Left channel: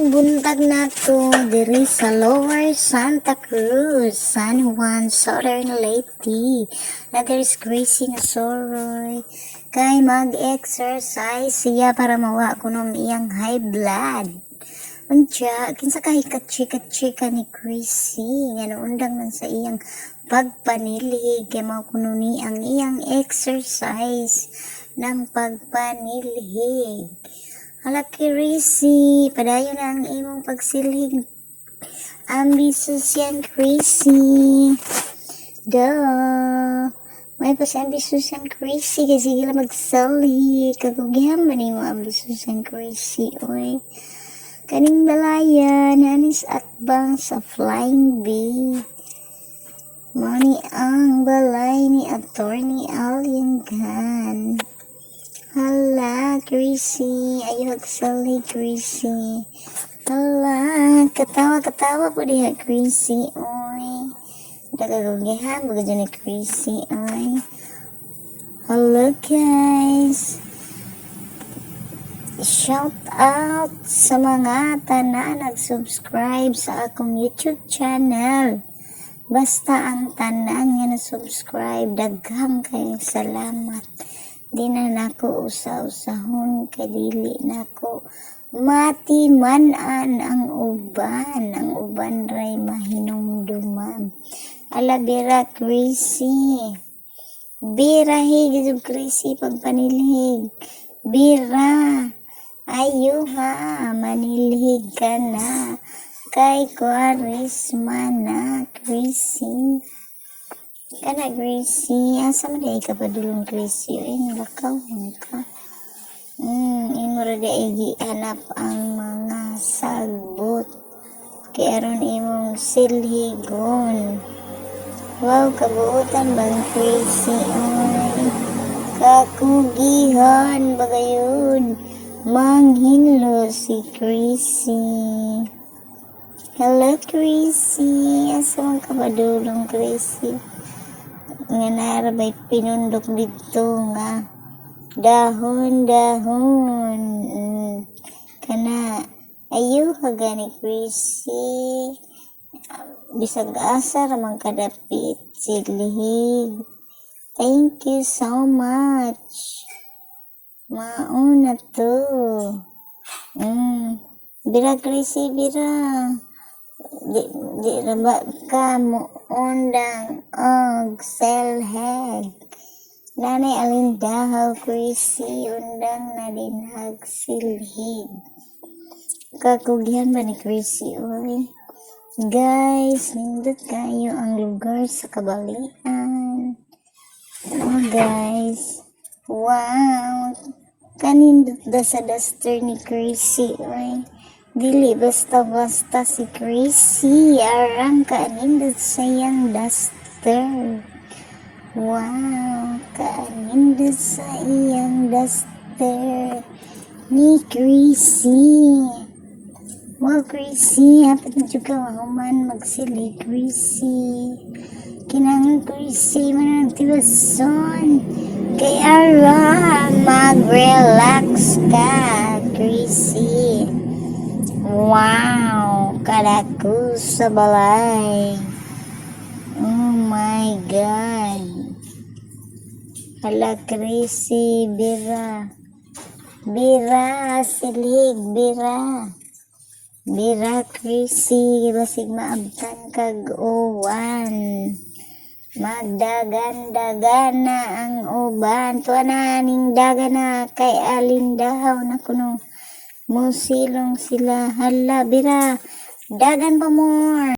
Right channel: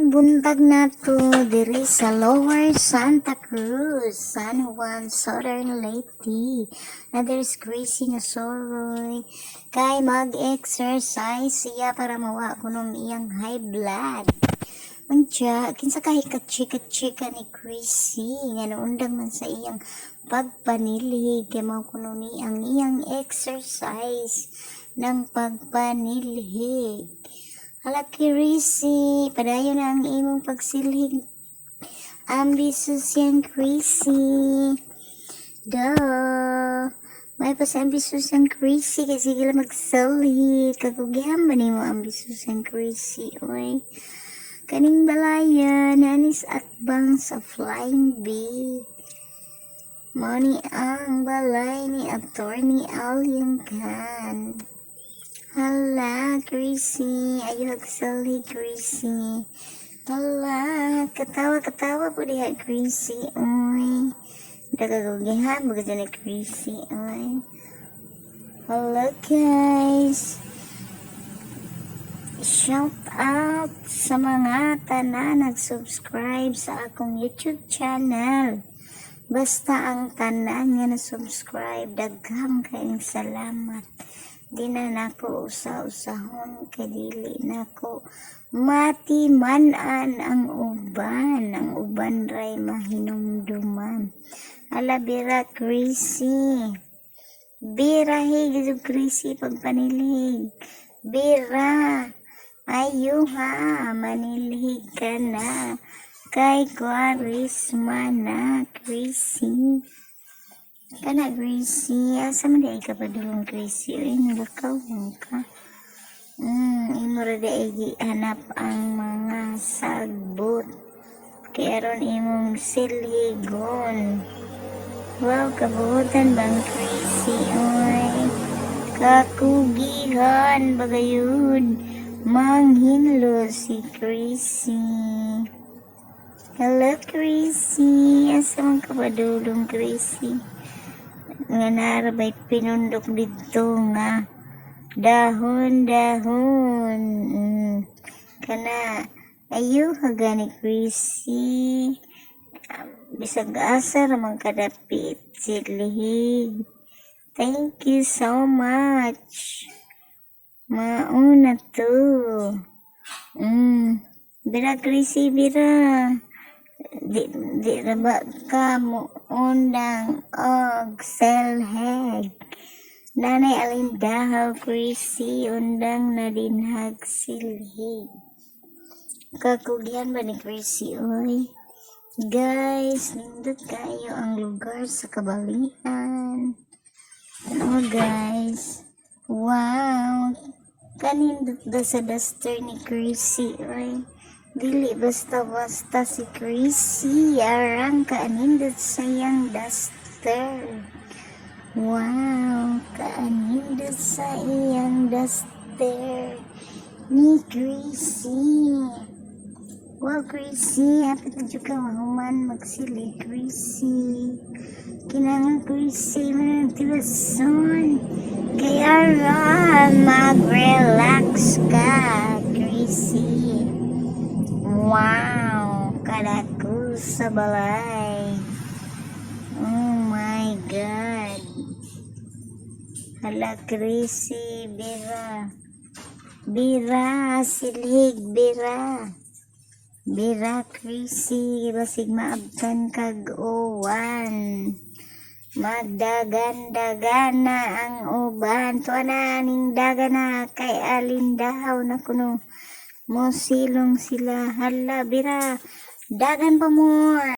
Buntag na to diri sa Lower Santa Cruz, San Juan, Southern Leyte. Na there's Gracie na soroy. Kay mag-exercise siya para mawa kuno iyang high blood. Unya, kinsa kay ka-chika ni Gracie nga naundang man sa iyang pagpanilhig kay mao kuno ni ang iyang exercise ng pagpanilhig. Hala Gracie, padayon na ang imong pagsilhig. Ambitious yan, Gracie. Duh. May pa si ambitious yan, Gracie. Kasi sila magsilhig. Kagugyan ba ni mo ambitious yan, Gracie? Oy. Kaning balayan, hanis atbang sa Flying Bee. Mani ang balay ni Attorney Alianggan. Hala, Gracie. Ayaw hagsali, Gracie. Hala, katawa po diha, Gracie. Oy. Dagagugyahan, baga dyan ni Gracie. Oy. Hala, guys. Shout out sa mga tanan nag-subscribe sa akong YouTube channel. Basta ang tanan nga na-subscribe, daghang kayong salamat. Di na nako usa-usahon kadili nako matimanan ang uban ray mahinumduman. Ala bira Gracie, bira higid Gracie pagpanilhig, bira ayo ha manilhig ka na kay Quaresma na Gracie. Kana Gracie, asa man di ka padulong Gracie, lakaw ka. Imo ra di hanap ang mga sagbot. Kaya ron imong silhigon. Wow, kabuutan bang Gracie, oy. Kakugihan bagayud. Manghinlo si Gracie. Hello Gracie, asa man ka padulong Gracie? Nga narabay pinundok dito nga dahon kana ayo gani Gracie bisag asa ramang kadapit silhig. Thank you so much, mauna to. Bira Gracie, bira di raba ka mo undang og selheg. Nanay Alindahaw Gracie undang na dinhag silhig. Kakugyan ba ni Gracie, oy? Guys, nindot kayo ang lugar sa kabalihan. Ano guys? Wow! Kanindot da sa duster ni Gracie, oy. Dili basta-basta si Gracie, arang kaanindot sayang duster. Wow, kaanindot sa iyang duster ni Gracie. Wow, Gracie, hapat na dyan ka mahuman magsili, Gracie. Kinangan Gracie, manang tiwason. Kay ara, mag-relax ka, Gracie. Wow, kadaku sa balay. Oh my God. Hala Gracie, bira. Bira, silig, bira. Bira Gracie, basig maabtan kag uwan. Magdagan-dagana ang uban. Tuwa na ning dagana kay Alindahaw na kuno. Mo silong sila. Hala, bira. Dagan pa more.